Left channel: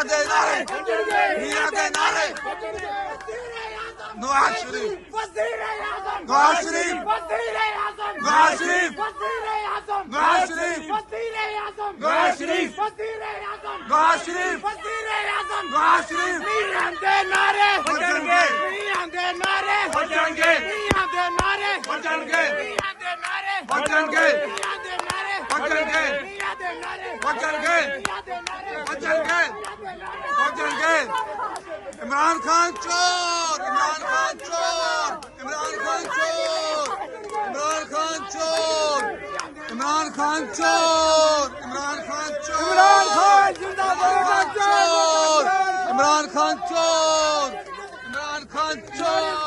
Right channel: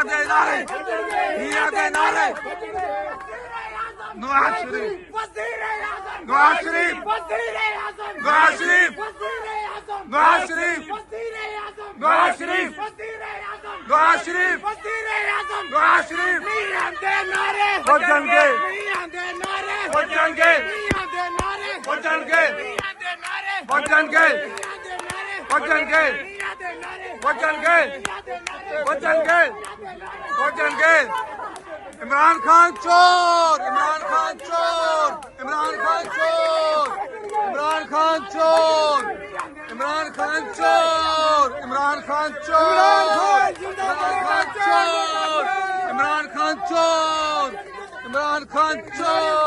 ਮੀਆਂ ਦੇ ਨਾਰੇ ਮੀਆਂ ਦੇ ਨਾਰੇ ਨਵਾਜ਼ ਸ਼ਰੀਫ नवाज शरीफ नवाज शरीफ नवाज शरीफ नवाज शरीफ नवाज शरीफ नवाज शरीफ बचनगे बचनगे बचनगे बचनगे बचनगे बचनगे बचनगे बचनगे इमरान खान चोर इमरान खान चोर इमरान खान चोर इमरान खान चोर इमरान खान चोर इमरान खान चोर इमरान खान चोर इमरान खान चोर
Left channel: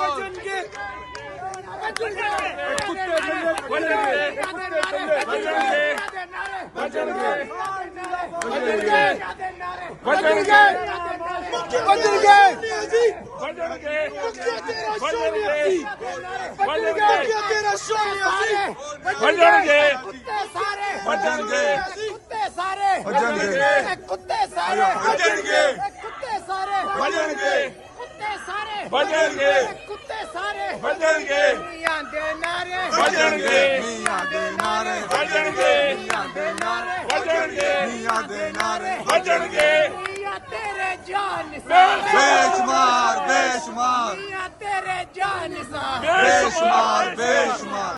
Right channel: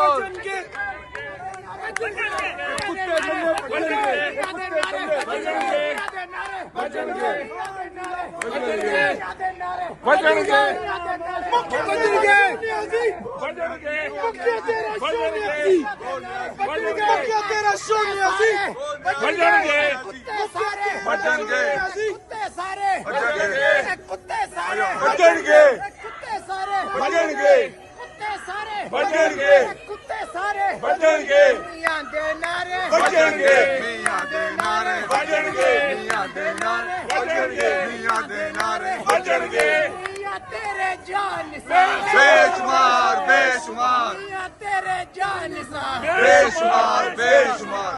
तेरे जान बेशुमार बेशुमार तेरे जान बेशुमार बेशुमार